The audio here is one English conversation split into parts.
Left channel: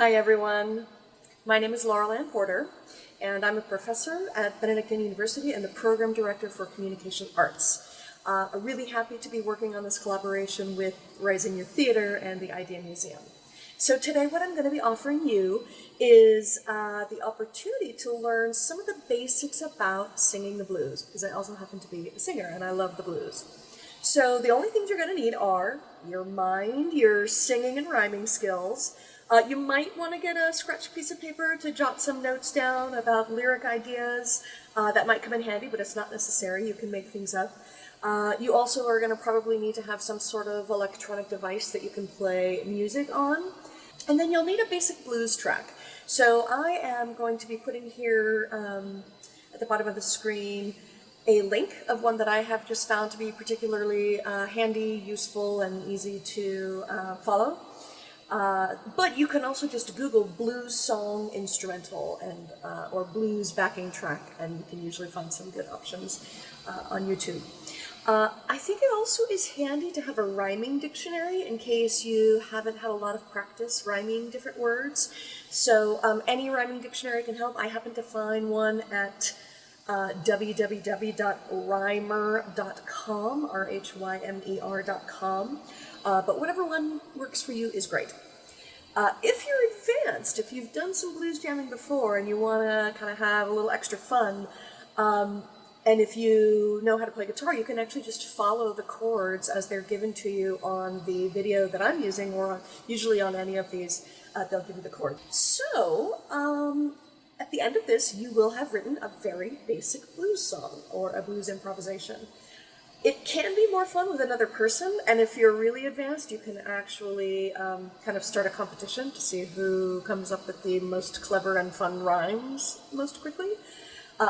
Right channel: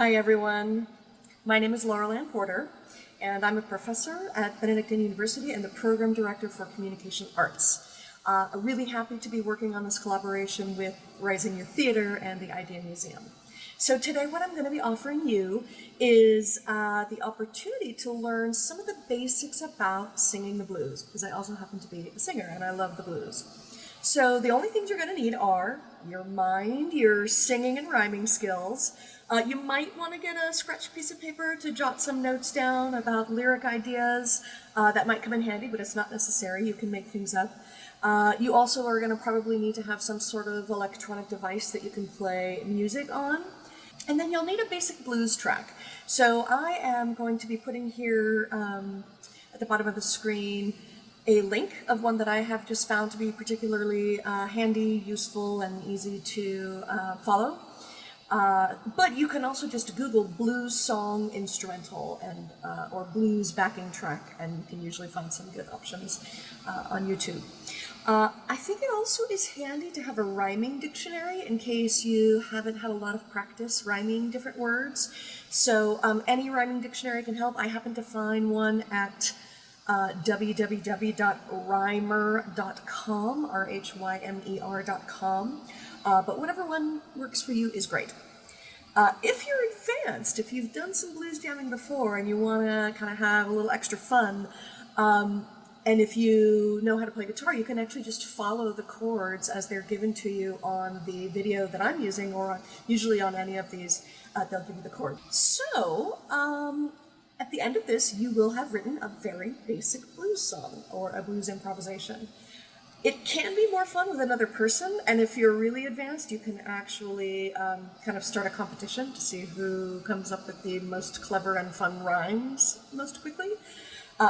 Hi everyone, my name is Laurel Ann Porter and I'm a professor at Benedictine University and the Program Director for Communication Arts. I'm really happy to be working on this collaboration with Rising Youth Theater and the i.d.e.a. Museum. So today what I'm going to be offering you is the opportunity to learn some of the basics about singing the blues, because I also happen to be a singer and I love the blues. So the only things you're going to need are your mind, your singing and rhyming skills. You might want to get a scratch piece of paper to jot some notes down about lyric ideas. That might come in handy, but it's not necessary. You can make things up. You also are going to probably need to have some sort of electronic device that you can play music on. And then you'll need a basic blues track. So I am going to be putting here at the bottom of the screen a link of one that I have just found to be particularly handy, useful, and easy to follow. But you can also just Google blues song instrumental and or blues backing track, and you can usually find some good options on YouTube. I think it also is handy to have a rhyming dictionary in case you haven't had a lot of practice rhyming different words. So any rhyming dictionary can help. I happen to find one at www.rhymer.com, rhymer.com, but whatever one works for you is great. If you're advanced, if you've done some blues jamming before and you want to kind of have a little extra fun, and if you know how to play guitar, you can actually just follow the chords as they're given to you on the video that I'm using, or usually on any of these, they'll give you the chord. So, at the end of this, you will have written a very basic blues song or a blues improvisation. It can be more fun with another person, and if you're really advanced, you can actually kind of start a competition to see who comes up with the most clever and fun rhymes most quickly.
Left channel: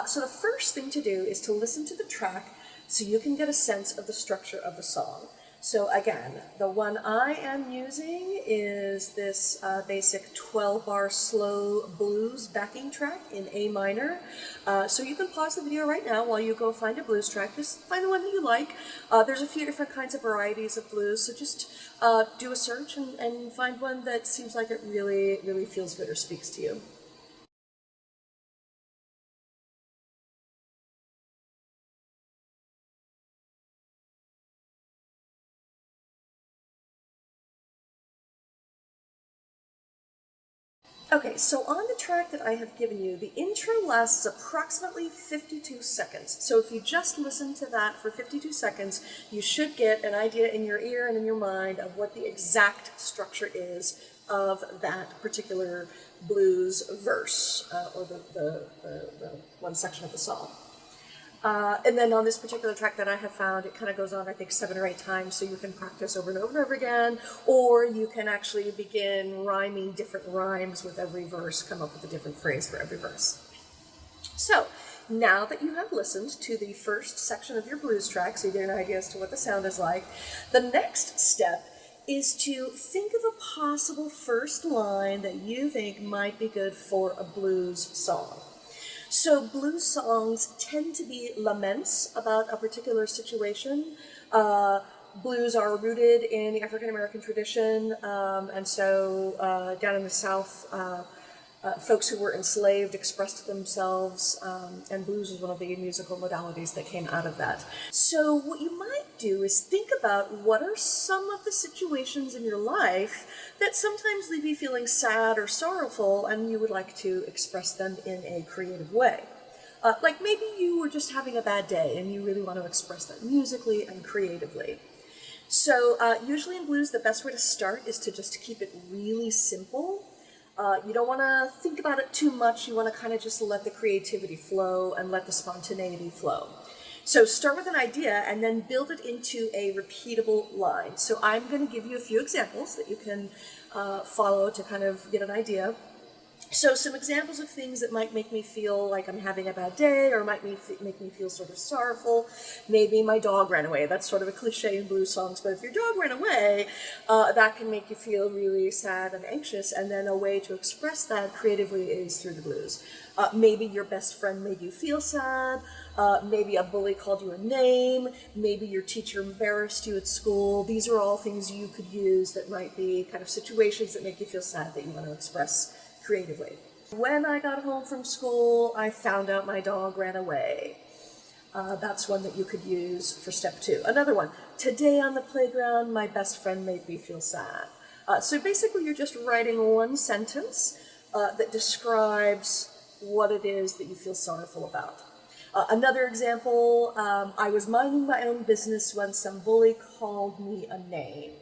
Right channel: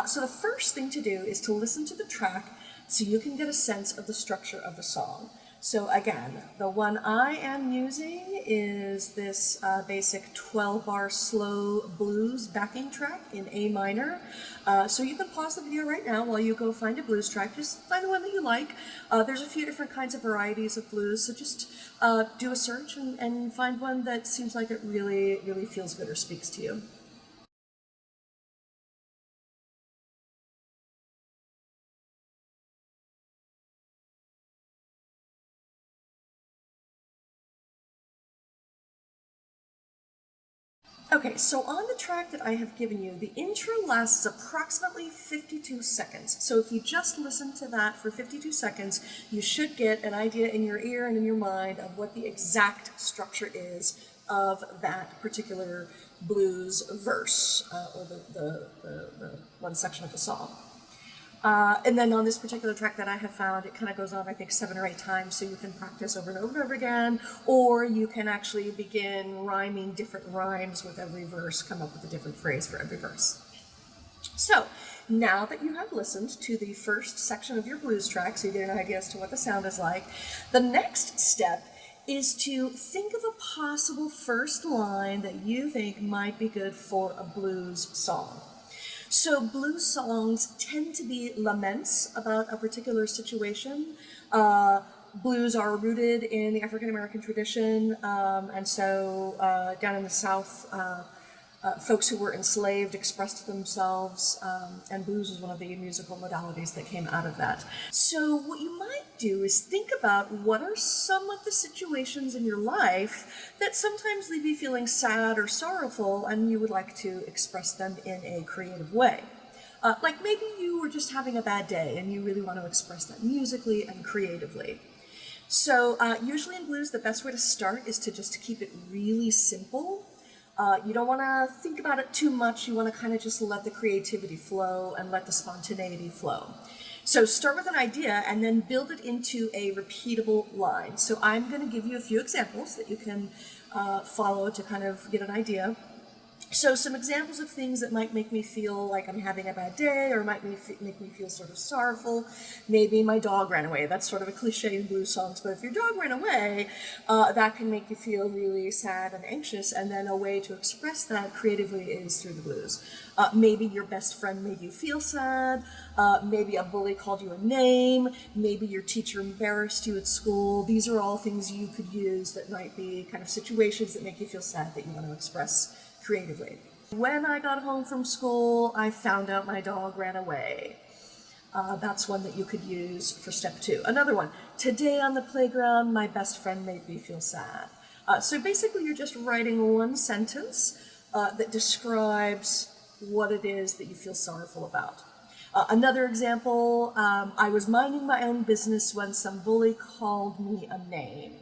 So the first thing to do is to listen to the track so you can get a sense of the structure of the song. So again, the one I am using is this basic 12-bar slow blues backing track in A minor. So you can pause the video right now while you go find a blues track. Just find the one that you like. There's a few different kinds of varieties of blues, so just do a search and find one that seems like it really, really feels good or speaks to you. Okay, so on the track that I have given you, the intro lasts approximately 52 seconds. So if you just listen to that for 52 seconds, you should get an idea in your ear and in your mind of what the exact structure is of that particular blues verse, or the one section of the song. And then on this particular track that I have found, it kind of goes on, I think, 7 or 8 times, so you can practice over and over and over again, or you can actually begin rhyming different rhymes with every verse, come up with a different phrase for every verse. So, now that you have listened to the first section of your blues track, so you get an idea as to what the sound is like, the next step is to think of a possible first line that you think might be good for a blues song. So blues songs tend to be laments about a particular situation. Blues are rooted in the African American tradition, and so down in the South, folks who were enslaved expressed themselves, and blues was one of the musical modalities that came out of that. So what you might do is think about what are some of the situations in your life that sometimes leave you feeling sad or sorrowful, and you would like to express them in a creative way. Like maybe you were just having a bad day and you really want to express that musically and creatively. So usually in blues, the best way to start is to just keep it really simple. You don't want to think about it too much. You want to kind of just let the creativity flow and let the spontaneity flow. So start with an idea and then build it into a repeatable line. So I'm going to give you a few examples that you can follow to kind of get an idea. So some examples of things that might make me feel like I'm having a bad day or might make me feel sort of sorrowful. Maybe my dog ran away. That's sort of a cliche in blues songs, but if your dog ran away, that can make you feel really sad and anxious, and then a way to express that creatively is through the blues. Maybe your best friend made you feel sad. Maybe a bully called you a name. Maybe your teacher embarrassed you at school. These are all things you could use that might be kind of situations that make you feel sad that you want to express creatively. When I got home from school, I found out my dog ran away. That's one that you could use for step 2. Another one, today on the playground, my best friend made me feel sad. So basically you're just writing one sentence that describes what it is that you feel sorrowful about. Another example, I was minding my own business when some bully called me a name.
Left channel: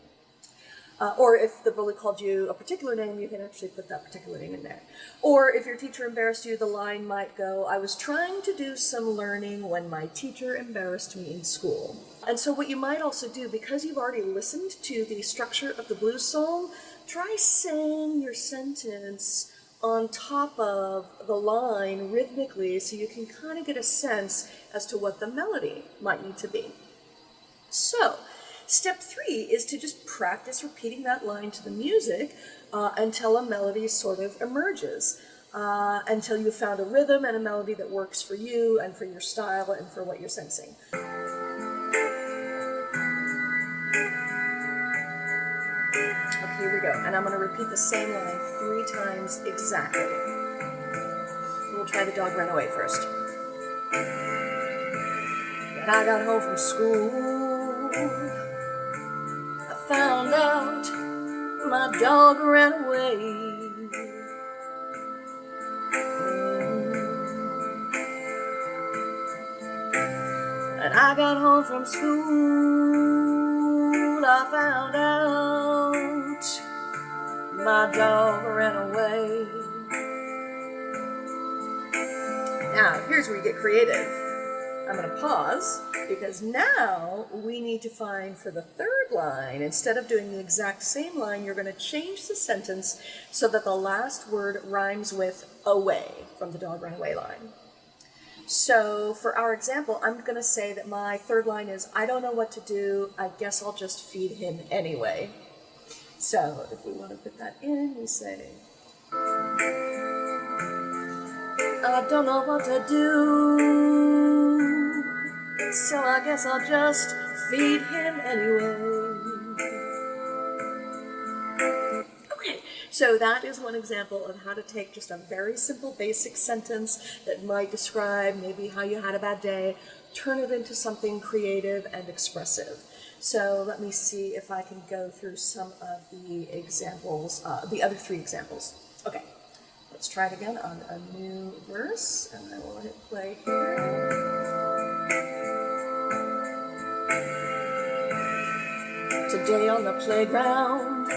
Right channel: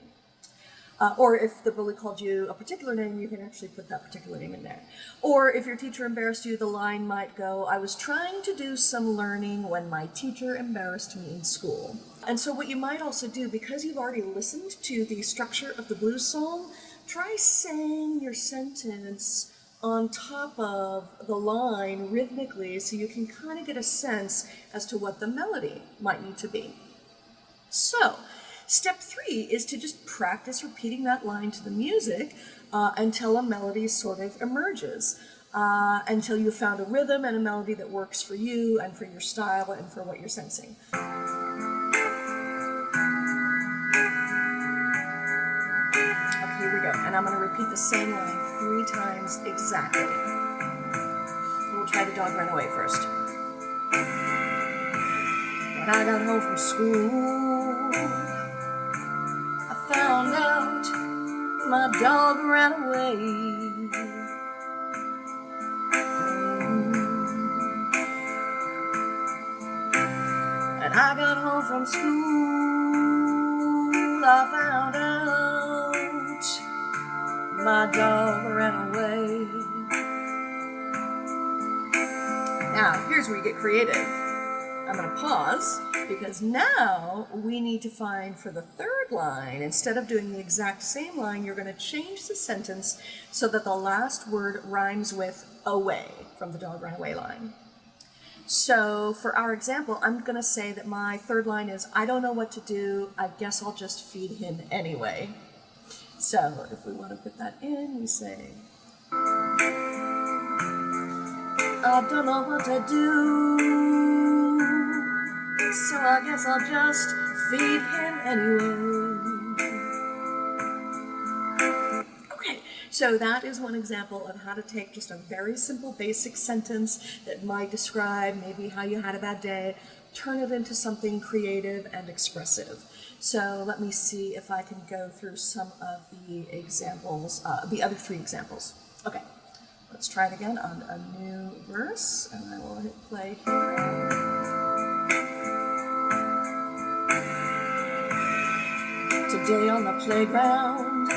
Or if the bully called you a particular name, you can actually put that particular name in there. Or if your teacher embarrassed you, the line might go, I was trying to do some learning when my teacher embarrassed me in school. And so what you might also do, because you've already listened to the structure of the blues song, try saying your sentence on top of the line rhythmically so you can kind of get a sense as to what the melody might need to be. So, step 3 is to just practice repeating that line to the music until a melody sort of emerges, until you've found a rhythm and a melody that works for you and for your style and for what you're sensing. Okay, here we go. And I'm going to repeat the same line 3 times exactly. We'll try the dog ran away first. When I got home from school, I found out my dog ran away. And I got home from school, I found out my dog ran away. Now, here's where you get creative. I'm going to pause because now we need to find for the third line, instead of doing the exact same line, you're going to change the sentence so that the last word rhymes with away from the dog ran away line. So for our example, I'm going to say that my third line is, I don't know what to do, I guess I'll just feed him anyway. So if we want to put that in, we say, I don't know what to do, so I guess I'll just feed him anyway. Okay, so that is one example of how to take just a very simple basic sentence that might describe maybe how you had a bad day, turn it into something creative and expressive. So let me see if I can go through some of the examples, the other 3 examples. Okay, let's try it again on a new verse, and I will hit play here. Today on the playground,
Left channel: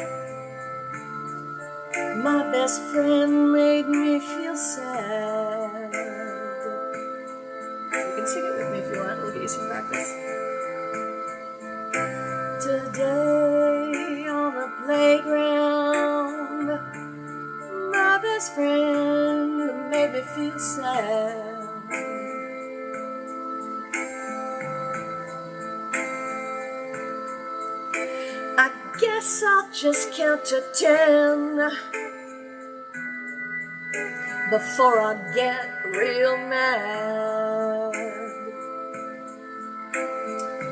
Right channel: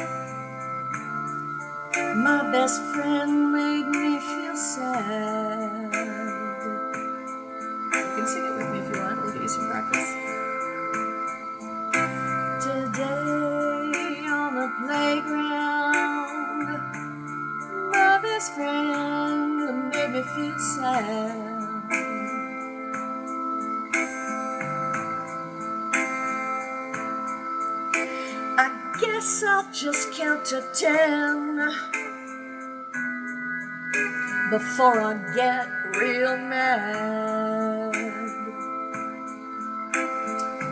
my best friend made me feel sad. You can sing it with me if you want. We'll get you some practice. Today on the playground, my best friend made me feel sad. I guess I'll just count to 10 before I get real mad.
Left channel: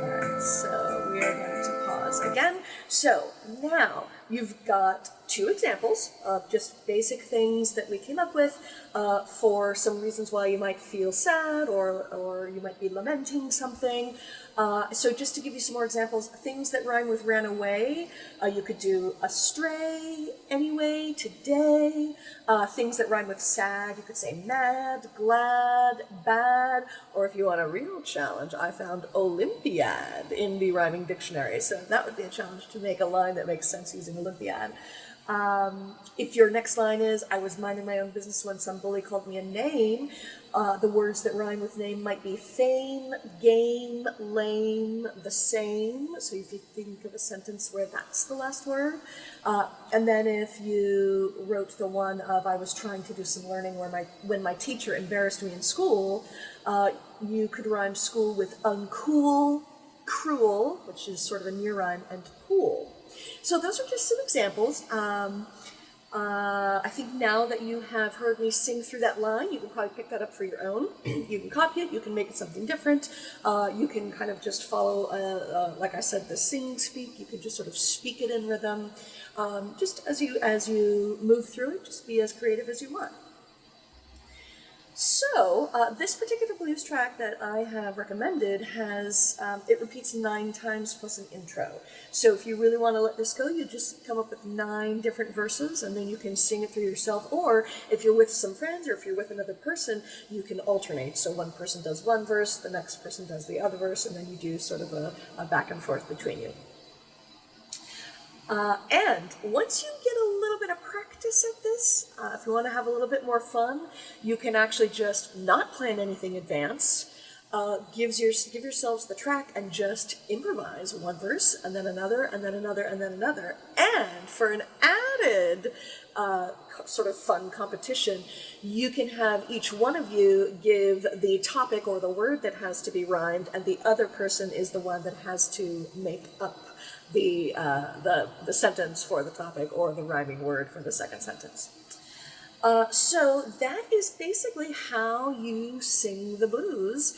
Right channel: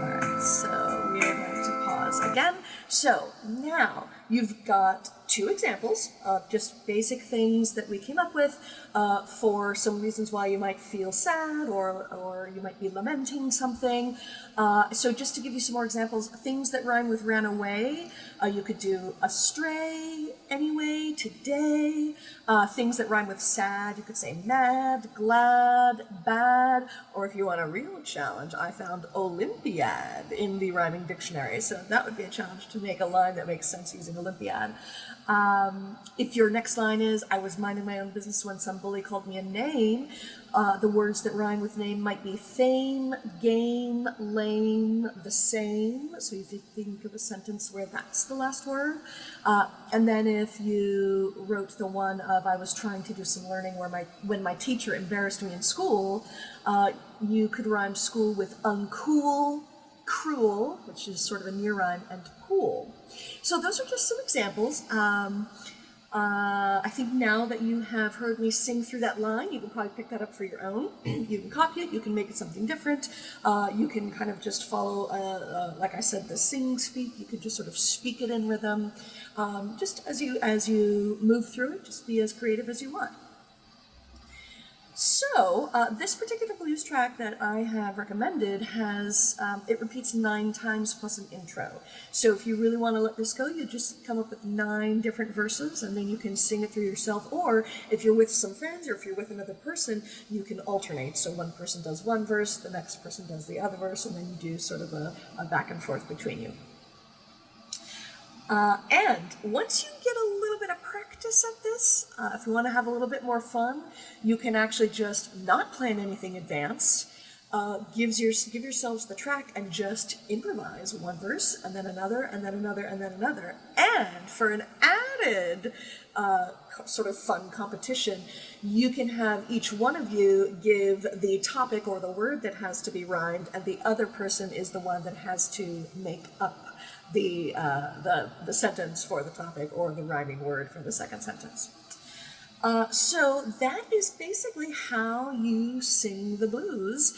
Alright, so we are going to pause again. So now you've got 2 examples of just basic things that we came up with for some reasons why you might feel sad or you might be lamenting something. So just to give you some more examples, things that rhyme with ran away, you could do astray, anyway, today. Things that rhyme with sad, you could say mad, glad, bad, or if you want a real challenge, I found Olympiad in the rhyming dictionary. So that would be a challenge to make a line that makes sense using Olympiad. If your next line is, I was minding my own business when some bully called me a name, the words that rhyme with name might be fame, game, lame, the same. So if you think of a sentence where that's the last word. And then if you wrote the one of, I was trying to do some learning when my teacher embarrassed me in school, you could rhyme school with uncool, cruel, which is sort of a near rhyme, and pool. So those are just some examples. I think now that you have heard me sing through that line, you can probably pick that up for your own. You can copy it, you can make it something different. You can kind of just follow, like I said, the sing, speak. You could just sort of speak it in rhythm. Just as you move through it, just be as creative as you want. So, this particular blues track that I have recommended it repeats 9 times plus an intro. So if you really want to let this go, you just come up with 9 different verses and then you can sing it through yourself. Or if you're with some friends or if you're with another person, you can alternate. So one person does one verse, the next person does the other verse, and then you do sort of a back and forth between you. And once you get a little bit of practice at this, if you want to have a little bit more fun, you can actually just not plan anything advanced. Give yourselves the track and just improvise one verse and then another and then another and then another. And for an added sort of fun competition, you can have each one of you give the topic or the word that has to be rhymed, and the other person is the one that has to make up the sentence for the topic or the rhyming word for the second sentence. So that is basically how you sing the blues,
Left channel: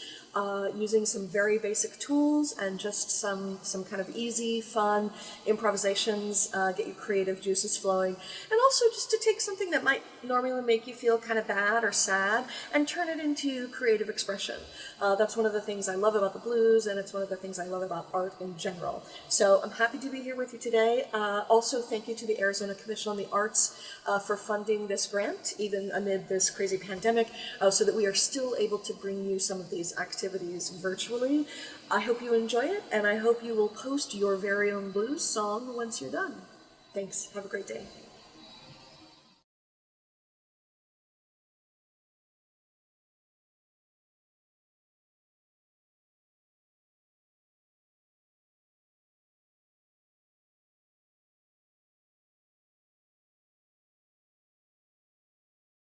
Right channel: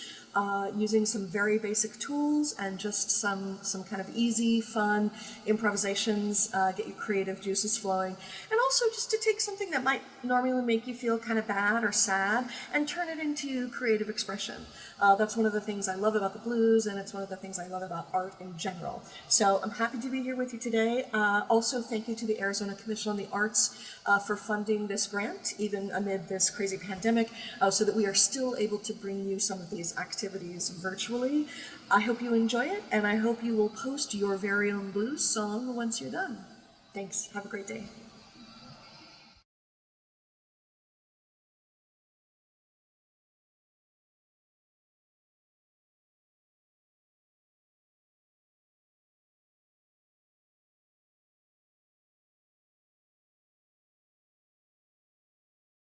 using some very basic tools and just some kind of easy, fun improvisations, get your creative juices flowing, and also just to take something that might normally make you feel kind of bad or sad and turn it into creative expression. That's one of the things I love about the blues, and it's one of the things I love about art in general. So I'm happy to be here with you today. Also, thank you to the Arizona Commission on the Arts for funding this grant, even amid this crazy pandemic, so that we are still able to bring you some of these activities virtually. I hope you enjoy it, and I hope you will post your very own blues song once you're done. Thanks. Have a great day.